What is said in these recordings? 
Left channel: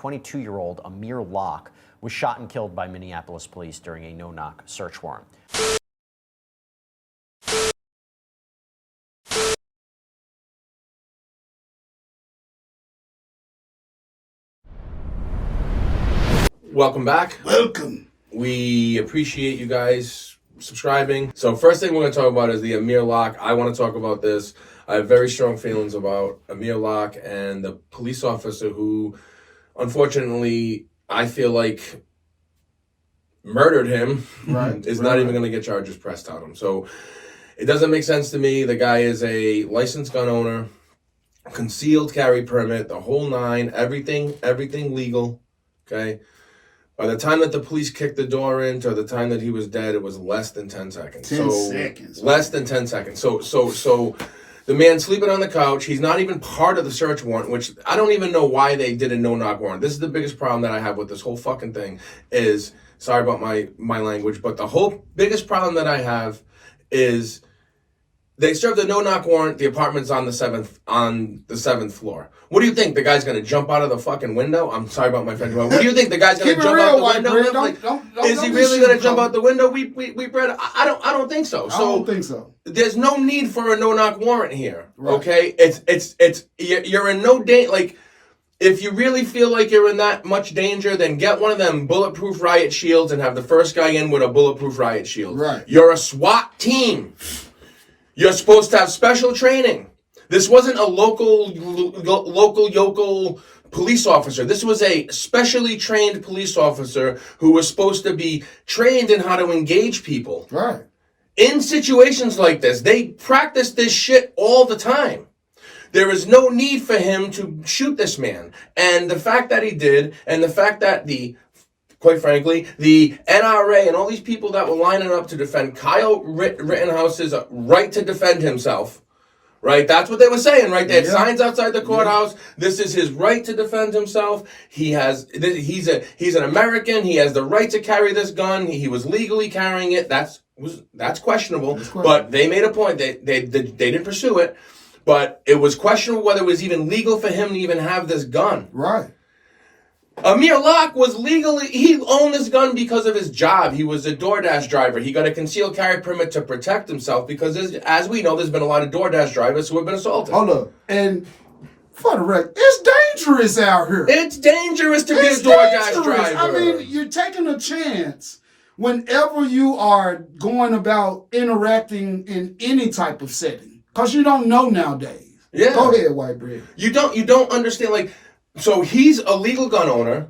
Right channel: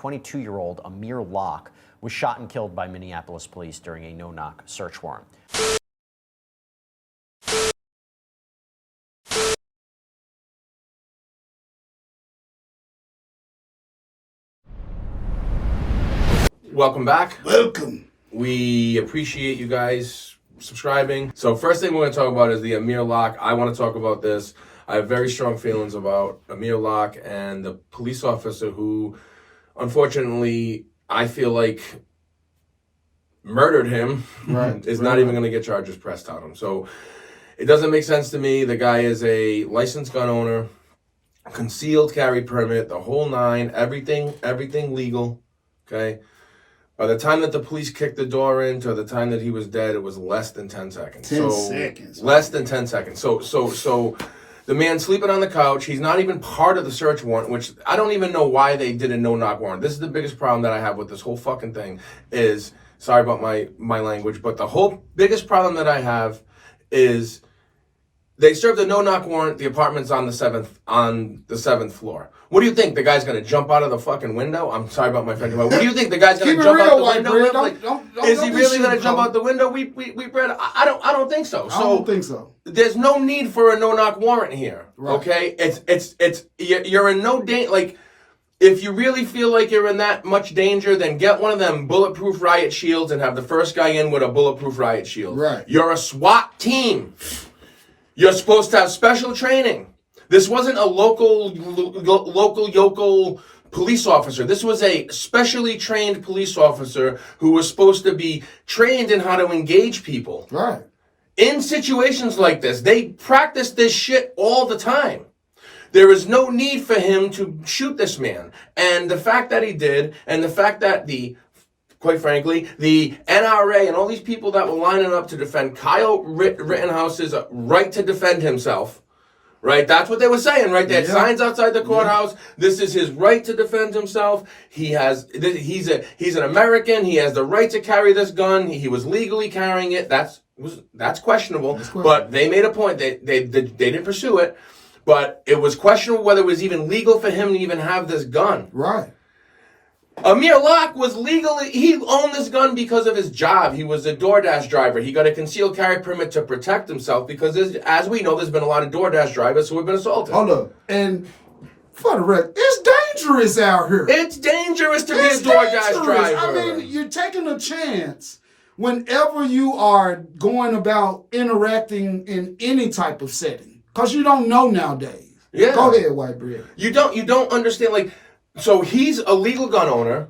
22-year-old Amir Locke was shot and killed by Minneapolis police during a no-knock search warrant. Welcome back. Welcome. We appreciate you guys subscribing. So first thing we're going to talk about is the Amir Locke. I want to talk about this. I have very strong feelings about Amir Locke and the police officer who, unfortunately, I feel like murdered him. Is not even going to get charges pressed on him. So it doesn't make sense to me. The guy is a licensed gun owner, concealed carry permit, the whole nine, everything legal. Okay. By the time that the police kicked the door in to the time that he was dead, it was less than 10 seconds. 10 seconds. Less than 10 seconds. So the man sleeping on the couch, he's not even part of the search warrant, which I don't even know why they did a no-knock warrant. This is the biggest problem that I have with this whole fucking thing is, sorry about my language, but the whole biggest problem that I have is they served a no-knock warrant. The apartment's on the seventh floor. What do you think? The guy's gonna jump out of the fucking window? I'm sorry about my French, but what do you think? The guy's gonna jump out the window? Is he really gonna jump out the window? I don't think so. I don't think so. There's no need for a no-knock warrant here. Right. Okay, you're in no danger. Like, if you really feel like you're in that much danger, then get one of them bulletproof riot shields and have the first guy in with a bulletproof riot shield. Right. You're a SWAT team. You're supposed to have special training. This wasn't a local yokel police officer. This was a specially trained police officer who was supposed to be trained in how to engage people. Right. In situations like this, they practice this shit all the time. There is no need for him to shoot this man. And the fact that he did, and the fact that quite frankly, the NRA and all these people that were lining up to defend Kyle Rittenhouse's right to defend himself, right? That's what they were saying, right? They had signs outside the courthouse. This is his right to defend himself. He's an American. He has the right to carry this gun. He was legally carrying it. That's questionable. But they made a point. They didn't pursue it. But it was questionable whether it was even legal for him to even have this gun. Right. Amir Locke was he owned this gun because of his job. He was a DoorDash driver. He got a concealed carry permit to protect himself because, as we know, there's been a lot of DoorDash drivers who have been assaulted. Hold up. And for the record, it's dangerous out here. It's dangerous to be a DoorDash driver. I mean, you're taking a chance whenever you are going about interacting in any type of setting because you don't know nowadays. Yeah. Go ahead, White Bread. You don't understand, like... So he's a legal gun owner,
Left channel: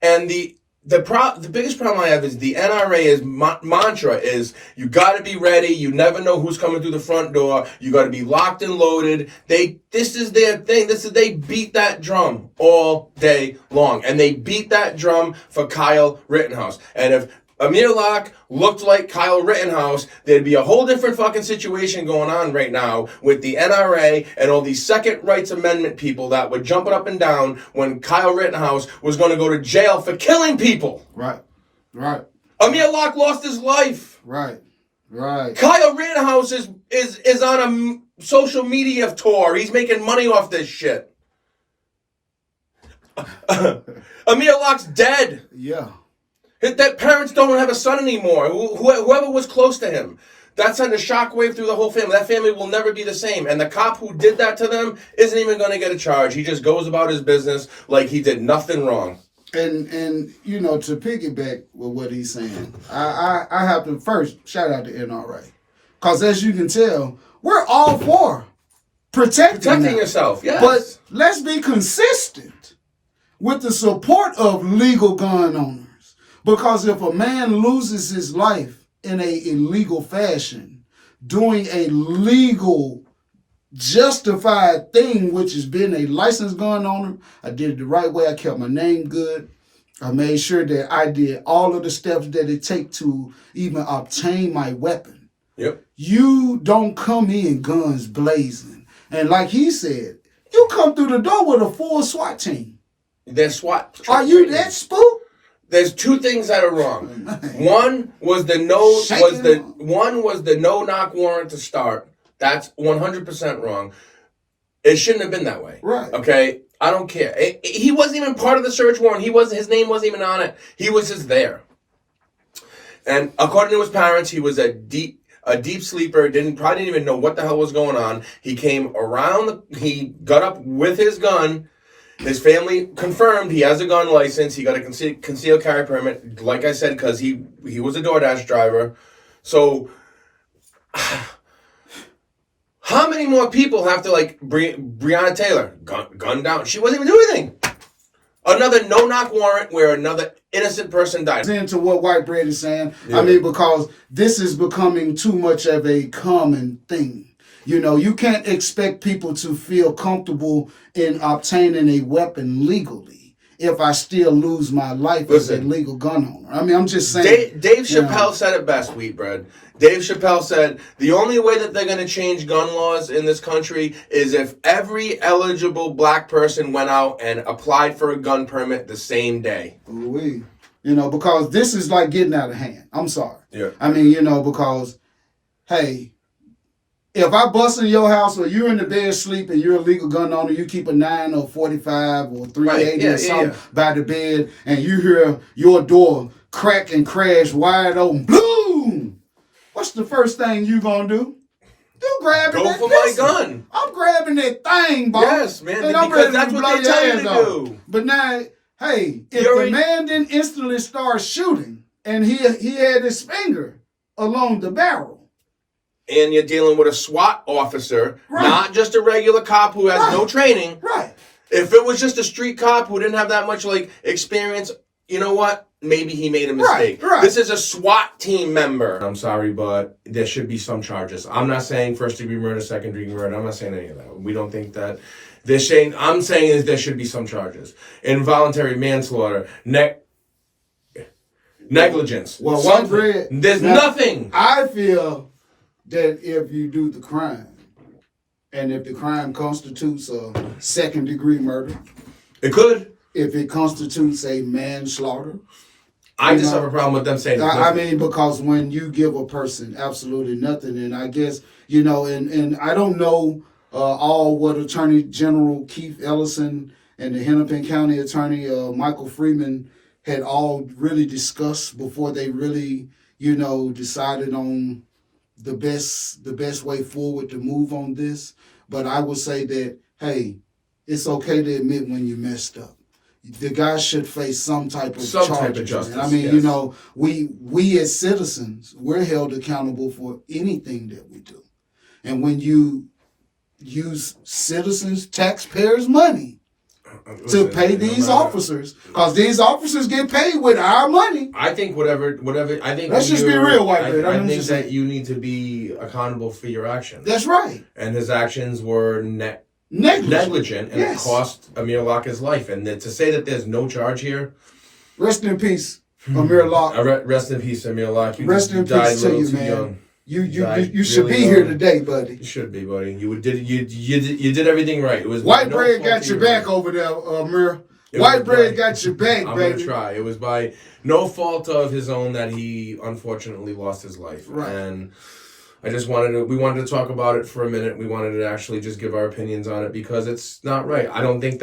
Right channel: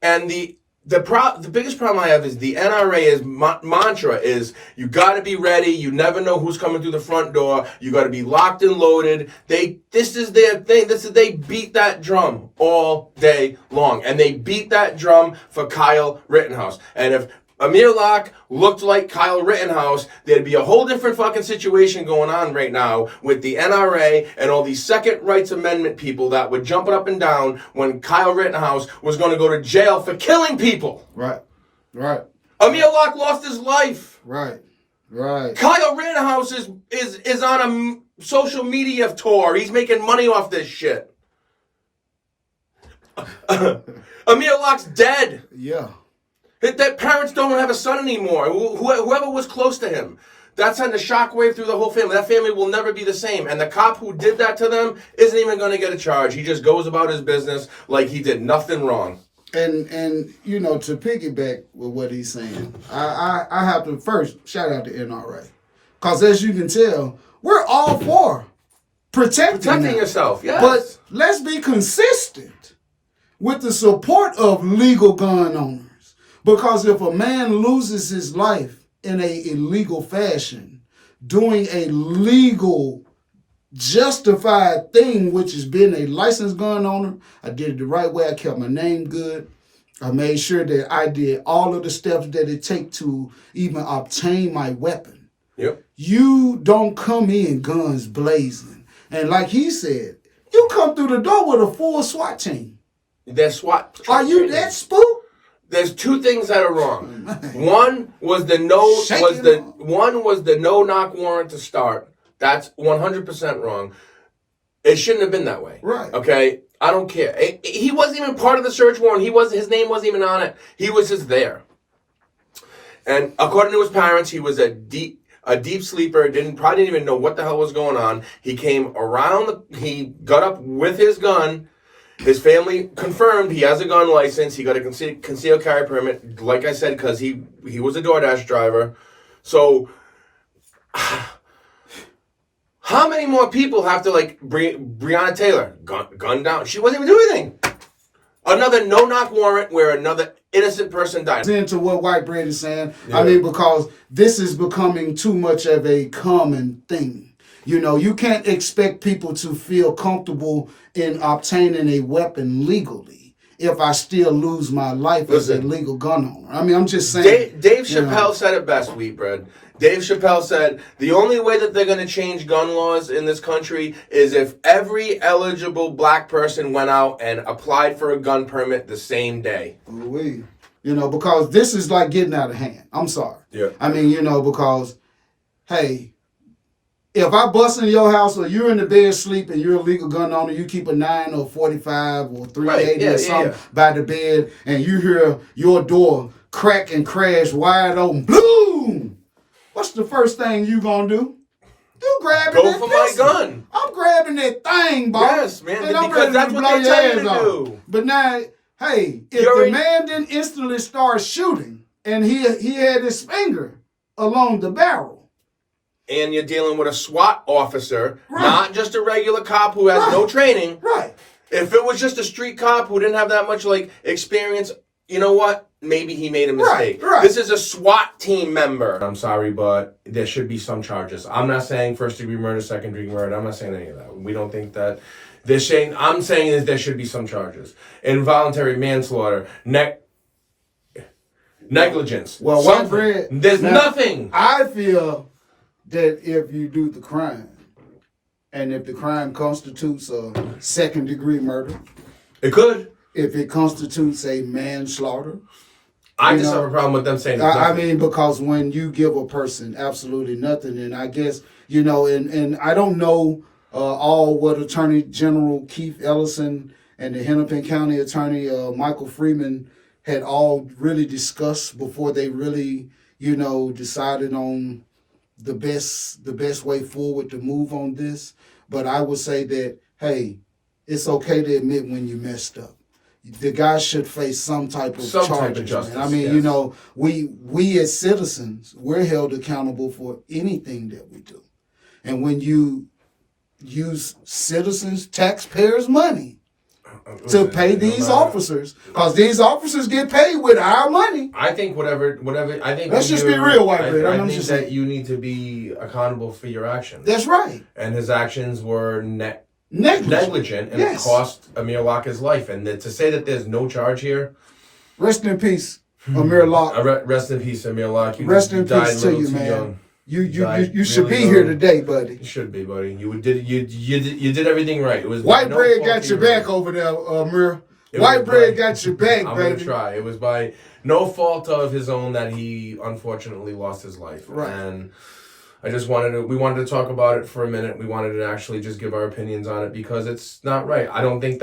and the biggest problem I have is the NRA's mantra is you got to be ready. You never know who's coming through the front door. You got to be locked and loaded. This is their thing. They beat that drum all day long, and they beat that drum for Kyle Rittenhouse. And if Amir Locke looked like Kyle Rittenhouse, there'd be a whole different fucking situation going on right now with the NRA and all these Second Rights Amendment people that were jumping up and down when Kyle Rittenhouse was going to go to jail for killing people. Right. Amir Locke lost his life. Right. Kyle Rittenhouse is on a social media tour. He's making money off this shit. Amir Locke's dead. Yeah. That parents don't have a son anymore. Whoever was close to him. That sent a shockwave through the whole family. That family will never be the same. And the cop who did that to them isn't even going to get a charge. He just goes about his business like he did nothing wrong. And to piggyback with what he's saying, I have to first shout out to NRA. Because as you can tell, we're all for protecting yourself, yes. But let's be consistent with the support of legal gun owners. Because if a man loses his life in a illegal fashion, doing a legal, justified thing, which is being a licensed gun owner, I did it the right way. I kept my name good. I made sure that I did all of the steps that it takes to even obtain my weapon. Yep. You don't come in guns blazing. And like he said, you come through the door with a full SWAT team. They're SWAT. Are you that spooked? There's two things that are wrong. One was the no knock warrant to start. That's 100% wrong. It shouldn't have been that way. Right. Okay? I don't care. He wasn't even part of the search warrant. His name wasn't even on it. He was just there. And according to his parents, he was a deep sleeper, probably didn't even know what the hell was going on. He came around, he got up with his gun. His family confirmed he has a gun license. He got a concealed carry permit, like I said, because he was a DoorDash driver. So, how many more people have to, like, Breonna Taylor, gun down? She wasn't even doing anything. Another no-knock warrant where another innocent person died. Into what White Bread is saying. Yeah. I mean, because this is becoming too much of a common thing. You know, you can't expect people to feel comfortable in obtaining a weapon legally if I still lose my life as a legal gun owner. I mean, I'm just saying. Dave Chappelle said it best, Wheatbread. Dave Chappelle said, the only way that they're going to change gun laws in this country is if every eligible black person went out and applied for a gun permit the same day. You know, because this is like getting out of hand. I'm sorry. Yeah. I mean, you know, because, hey, if I bust in your house or you're in the bed sleep and you're a legal gun owner, you keep a 9 or 45 or 380 or something by the bed, and you hear your door crack and crash wide open, boom! What's the first thing you gonna do? You grabbing that Go for pistol. my gun. I'm grabbing that thing, boss. Yes, man, And I'm because ready that's to what blow they your tell you ass to off. do. But now, hey, if the man didn't instantly start shooting and he had his finger along the barrel. And you're dealing with a SWAT officer, not just a regular cop who has no training. Right. If it was just a street cop who didn't have that much, like, experience, you know what? Maybe he made a mistake. Right. This is a SWAT team member. I'm sorry, but there should be some charges. I'm not saying first-degree murder, second-degree murder. I'm not saying any of that. We don't think that. I'm saying is there should be some charges. Involuntary manslaughter, negligence. Well, White Bread. There's nothing. I feel that if you do the crime, and if the crime constitutes a second-degree murder, it could. If it constitutes a manslaughter, I just have a problem with them saying I mean, because when you give a person absolutely nothing, and I guess, you know, and I don't know all what Attorney General Keith Ellison and the Hennepin County Attorney Michael Freeman had all really discussed before they really, you know, decided on the best way forward to move on this. But I would say that, hey, it's okay to admit when you messed up. The guy should face some type of charges. I mean, you know, we as citizens, we're held accountable for anything that we do. And when you use citizens, taxpayers' money to pay these officers, because these officers get paid with our money. I think whatever. I think let's just be real, White Bread. I think that you need to be accountable for your actions. That's right. And his actions were negligent, and it cost Amir Locke his life. And to say that there's no charge here, rest in peace, Amir Locke. Rest in peace, Amir Locke. Rest in peace to you, man. Young. You should be here today, buddy. You should be, buddy. You did everything right. It was White Bread got your back over there, Amir. White Bread got your back, baby. I'm gonna try. It was by no fault of his own that he unfortunately lost his life. Right. And I just we wanted to talk about it for a minute. We wanted to actually just give our opinions on it because it's not right. I think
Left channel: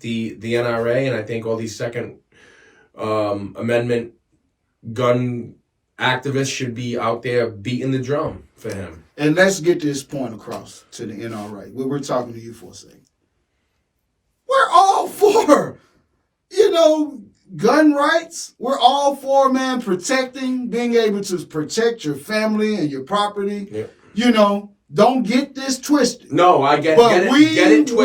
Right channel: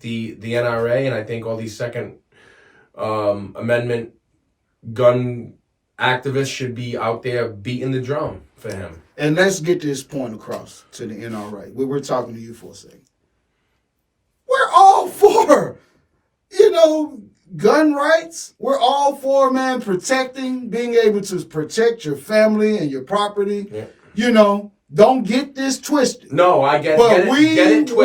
the NRA and I think all these Second Amendment gun activists should be out there beating the drum for him. And let's get this point across to the NRA. We're talking to you for a second. We're all for, you know, gun rights. We're all for, man, being able to protect your family and your property. Yeah. You know, don't get this twisted. No, I get it. But we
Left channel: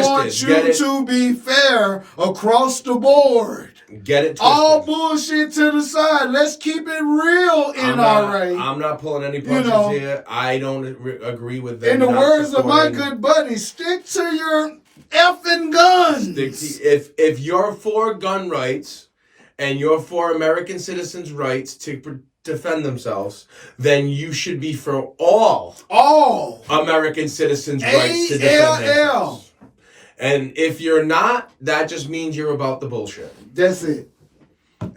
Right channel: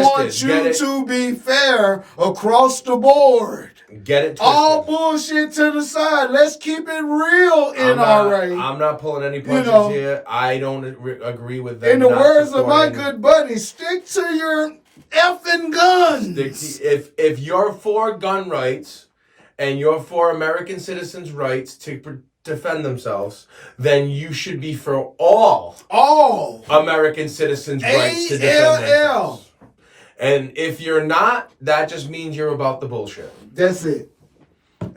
want you to be fair across the board. Get it twisted. All bullshit to the side. Let's keep it real, NRA. I'm not pulling any punches here. I don't agree with that. In the words of my good buddy, stick to your effing guns. If you're for gun rights and you're for American citizens' rights to defend themselves, then you should be for all American citizens' rights to defend themselves. And if you're not, that just means you're about the bullshit. That's it.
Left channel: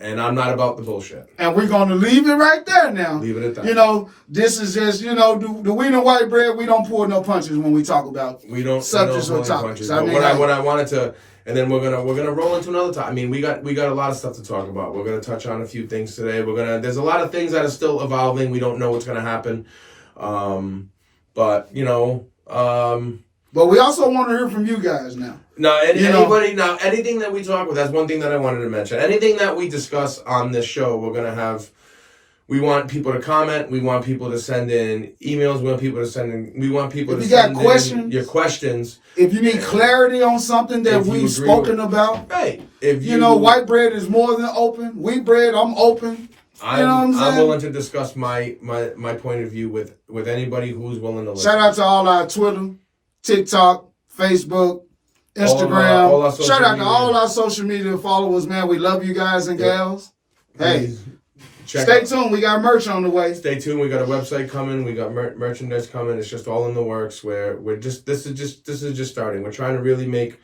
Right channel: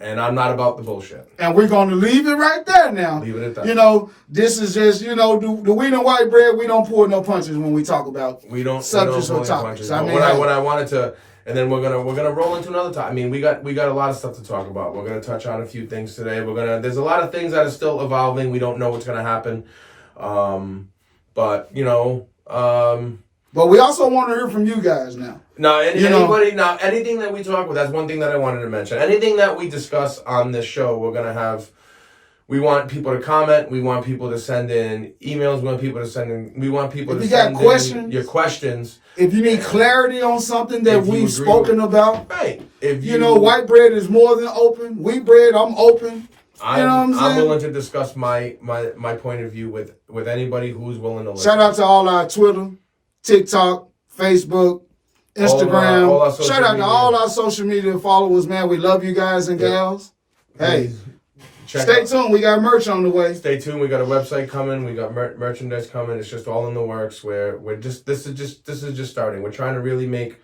And I'm not about the bullshit. And we're going to leave it right there now. Leave it at that. You know, this is just, you know, the we know white bread, we don't pull no punches when we talk about subjects or topics. I mean, what I wanted to, and then we're gonna roll into another time. I mean, we got a lot of stuff to talk about. We're gonna touch on a few things today. There's a lot of things that are still evolving. We don't know what's gonna happen. But you know, but we also want to hear from you guys now. Anything that we talk about, that's one thing that I wanted to mention. Anything that we discuss on this show, we want people to comment. We want people to send in emails. We want people to send in your questions. If you need clarity on something that we've spoken about. Right. You know, white bread is more than open. Wheat bread, I'm open. I'm willing to discuss my point of view with anybody who's willing to listen. Shout out to all our Twitter, TikTok, Facebook, Instagram. All our social Shout out media. to all our social media followers, man. We love you guys and gals. Hey, stay tuned. We got merch on the way. Stay tuned. We got a website coming. We got merchandise coming. It's just all in the works. This is just starting. We're trying to really make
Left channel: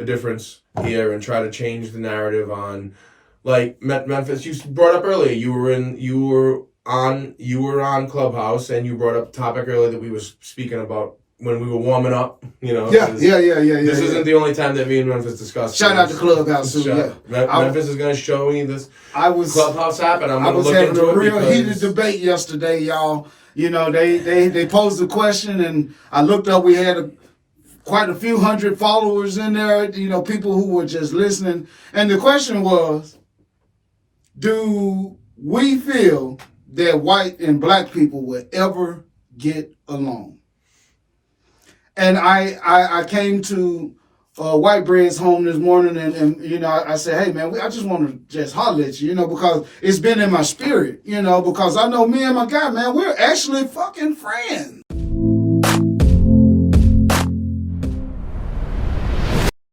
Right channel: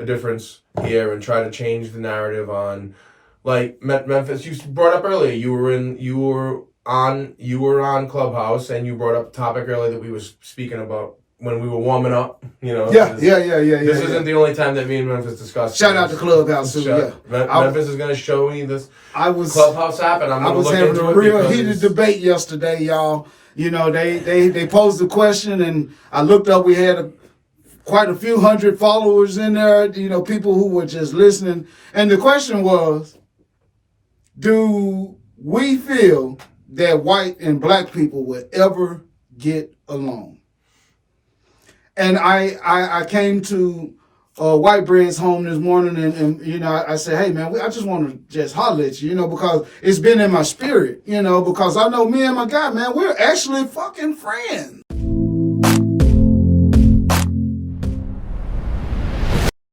a difference here and try to change the narrative on, like, Memphis. You brought up earlier. You were on Clubhouse and you brought up a topic earlier that we were speaking about when we were warming up. You know. Yeah. This isn't the only time that me and Memphis discussed. Shout out to Clubhouse too. Yeah. Memphis is going to show me this Clubhouse app, and I'm going to look into it. I was having a real heated debate yesterday, y'all. You know, they posed a question, and I looked up. We had quite a few hundred followers in there. You know, people who were just listening, and the question was, do we feel that white and black people will ever get along? And I came to White Bread's home this morning, and you know, I said, hey, man, I just want to just holler at you, you know, because it's been in my spirit, you know, because I know me and my guy, man, we're actually fucking friends.